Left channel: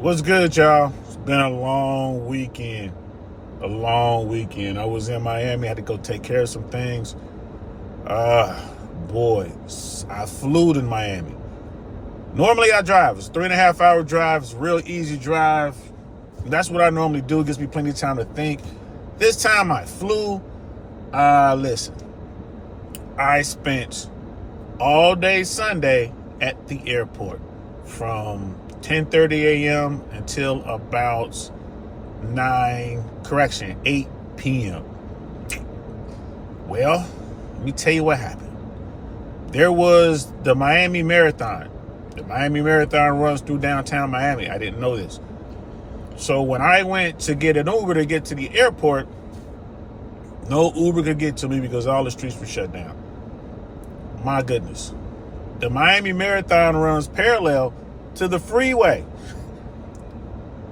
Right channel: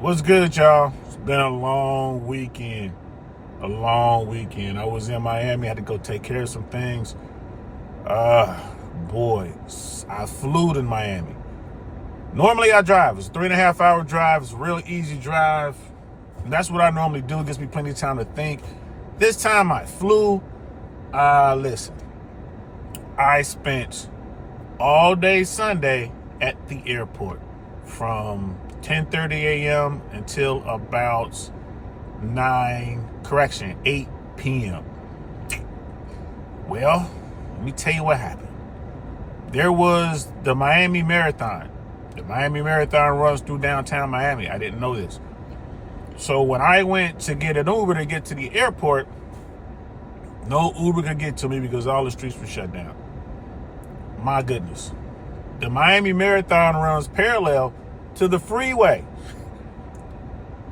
What's good, y'all? It's been a long weekend. I was in Miami, had to go take care of some things. Boy, I flew to Miami. Normally I drive. It's a 3.5 hour drive. It's a real easy drive. That's what I normally do. It gives me plenty of time to think. This time I flew. Listen, I spent all day Sunday at the airport from 10:30 a.m. until about 8 p.m. Well, let me tell you what happened. There was the Miami Marathon. The Miami Marathon runs through downtown Miami. I didn't know this. So when I went to get an Uber to get to the airport, no Uber could get to me because all the streets were shut down. My goodness. The Miami Marathon runs parallel to the freeway.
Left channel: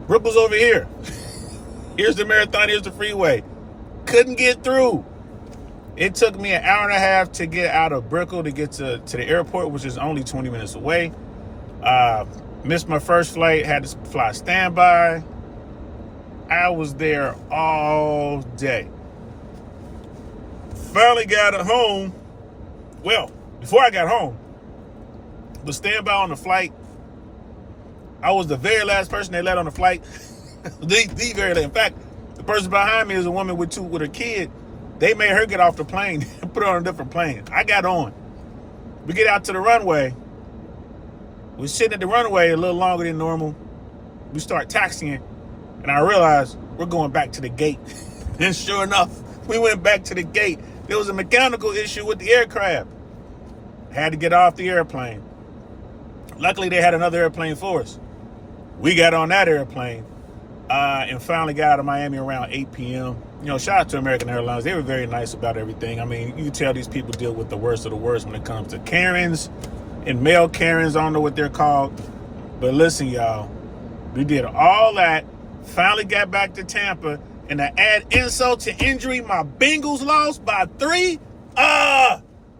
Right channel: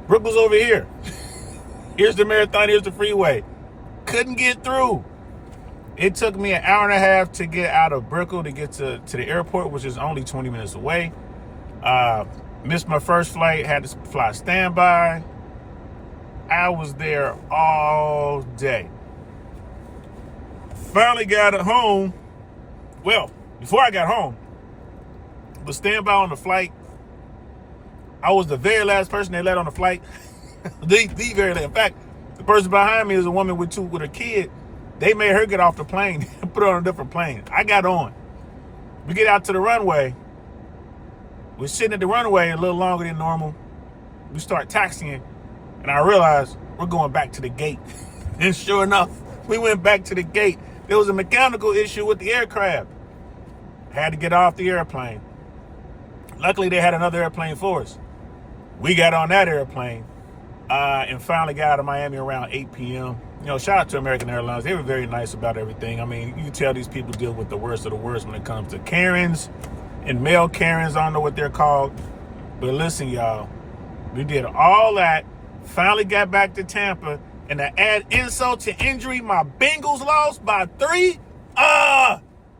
Brooklyn's over here. Here's the marathon, here's the freeway. Couldn't get through. It took me an hour and a half to get out of Brickell to get to the airport, which is only 20 minutes away. Missed my first flight, had to fly standby. I was there all day. Finally got home. Well, before I got home, was standby on the flight. I was the very last person they let on the flight. the very last. In fact, the person behind me is a woman with her kid. They made her get off the plane and put her on a different plane. I got on. We get out to the runway. We're sitting at the runway a little longer than normal. We start taxiing, and I realized we're going back to the gate. And sure enough, we went back to the gate. There was a mechanical issue with the aircraft. Had to get off the airplane. Luckily, they had another airplane for us. We got on that airplane and finally got out of Miami around 8 p.m. You know, shout out to American Airlines. They were very nice about everything. I mean, you can tell these people deal with the worst of the worst when it comes to Karens and male Karens. I don't know what they're called. But listen, y'all, we did all that, finally got back to Tampa, and to add insult to injury, my Bengals lost by 3.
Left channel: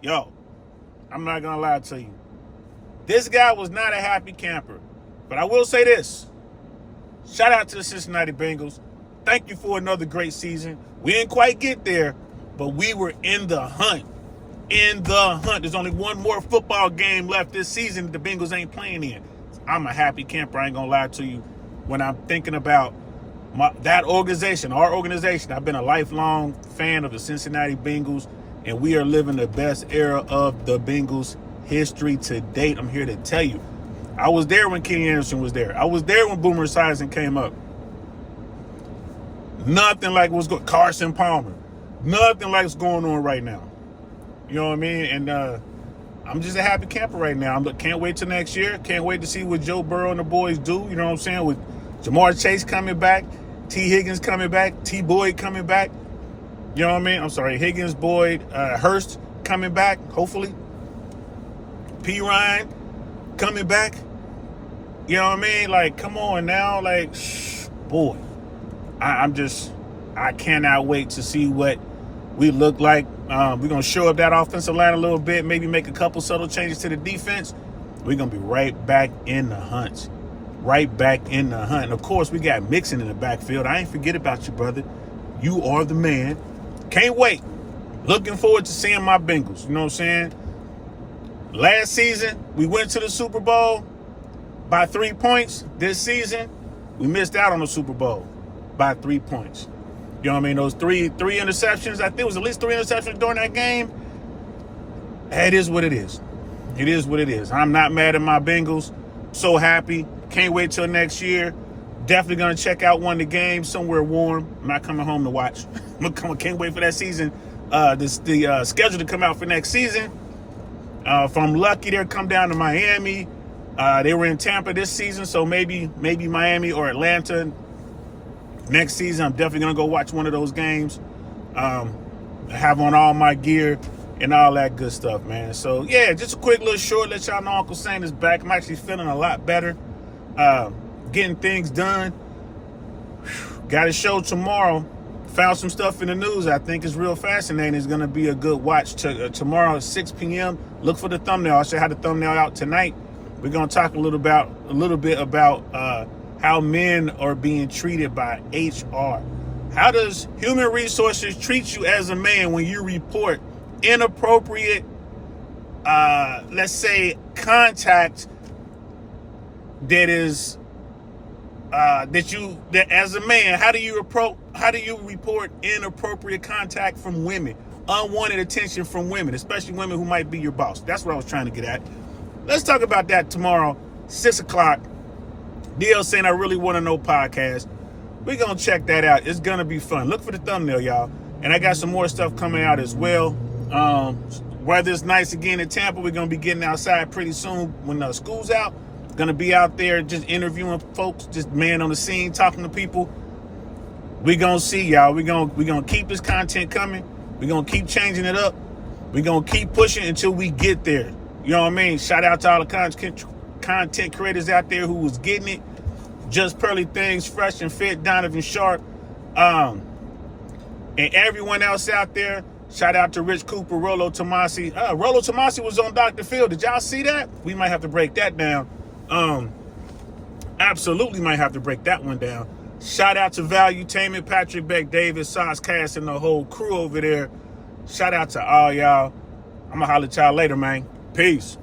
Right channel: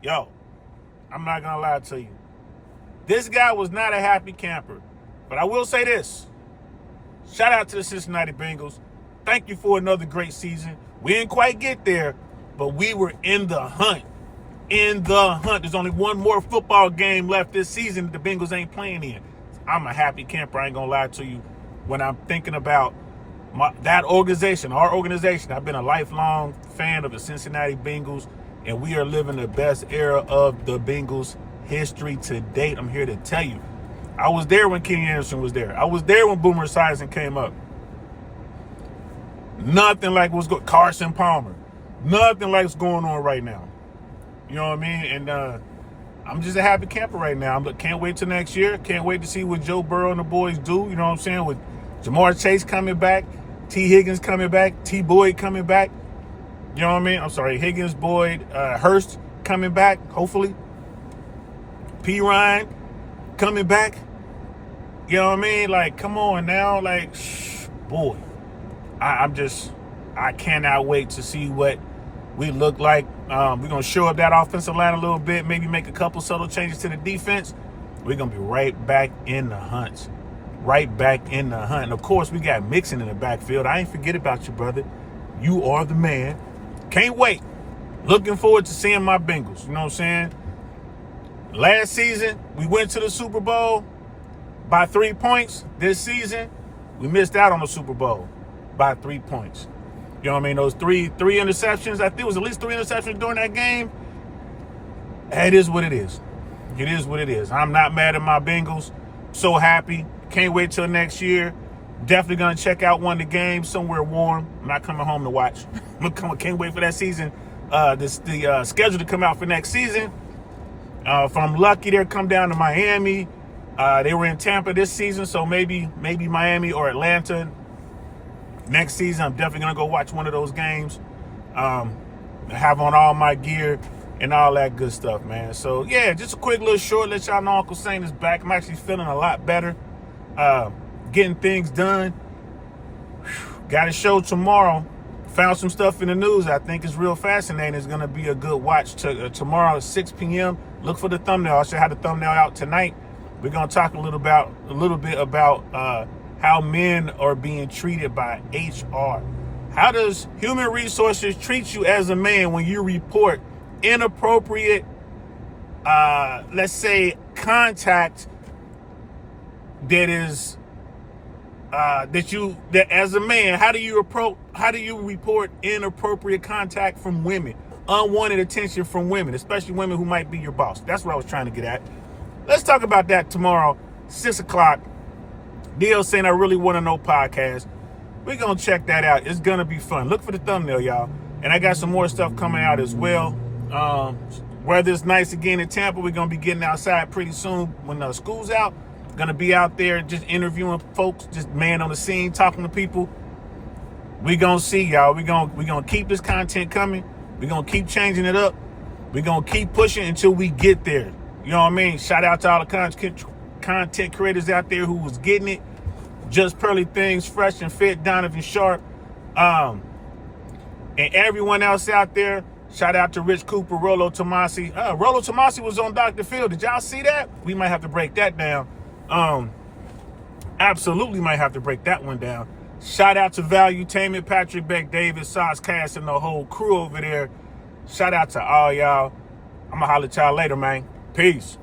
Yo, I'm not going to lie to you. This guy was not a happy camper. But I will say this. Shout out to the Cincinnati Bengals. Thank you for another great season. We didn't quite get there, but we were in the hunt. In the hunt. There's only one more football game left this season that the Bengals ain't playing in. I'm a happy camper. I ain't going to lie to you. When I'm thinking about that organization, our organization, I've been a lifelong fan of the Cincinnati Bengals, and we are living the best era of the Bengals history to date. I'm here to tell you. I was there when Kenny Anderson was there. I was there when Boomer Esiason came up. Nothing like what's going Carson Palmer. Nothing like what's going on right now. You know what I mean? And I'm just a happy camper right now. Can't wait till next year. Can't wait to see what Joe Burrow and the boys do. You know what I'm saying? With Jamar Chase coming back, T. Higgins coming back, T. Boyd coming back. You know what I mean? I'm sorry, Higgins, Boyd, Hurst coming back, hopefully. P. Ryan coming back. You know what I mean? Like, come on now. Like, boy. I cannot wait to see what we look like. We're going to show up that offensive line a little bit, maybe make a couple subtle changes to the defense. We're going to be right back in the hunt. Right back in the hunt. And, of course, we got Mixon in the backfield. I ain't forget about you, brother. You are the man. Can't wait. Looking forward to seeing my Bengals. You know what I'm saying? Last season, we went to the Super Bowl by 3 points. This season, we missed out on the Super Bowl by 3 points. You know what I mean? Those three interceptions, I think it was at least 3 interceptions during that game. It is what it is. It is what it is. I'm not mad at my Bengals. So happy. Can't wait till next year. Definitely going to check out one of the games somewhere warm. I'm not coming home to watch. Can't wait for that season. The schedule to come out for next season. If I'm lucky, they'll come down to Miami. They were in Tampa this season, so maybe Miami or Atlanta next season. I'm definitely going to go watch one of those games. Have on all my gear and all that good stuff, man. So, yeah, just a quick little short. Let y'all know Uncle Saint is back. I'm actually feeling a lot better. Getting things done. Got a show tomorrow. Found some stuff in the news I think is real fascinating. It's going to be a good watch tomorrow at 6 p.m. Look for the thumbnail. I should have the thumbnail out tonight. We're going to talk a little bit about how men are being treated by HR. How does human resources treat you as a man when you report inappropriate, let's say, contact that is that as a man, how do you report inappropriate contact from women, unwanted attention from women, especially women who might be your boss? That's what I was trying to get at. Let's talk about that tomorrow, 6 o'clock. DL saying I really want to know podcast. We're going to check that out. It's going to be fun. Look for the thumbnail, y'all. And I got some more stuff coming out as well. Weather's nice again in Tampa. We're going to be getting outside pretty soon when school's out. Going to be out there just interviewing folks, just man on the scene, talking to people. We're going to see, y'all. We're going to keep this content coming. We're going to keep changing it up. We're going to keep pushing until we get there. You know what I mean? Shout out to all the content creators out there who was getting it. Just Pearly Things, Fresh and Fit, Donovan Sharp, and everyone else out there. Shout out to Rich Cooper, Rollo Tomasi. Rollo Tomasi was on Dr. Phil. Did y'all see that? We might have to break that down. Absolutely might have to break that one down. Shout out to Valuetainment, Patrick Beck, David, Sauce Cass, and the whole crew over there. Shout out to all y'all. I'm going to holler at y'all later, man. Peace.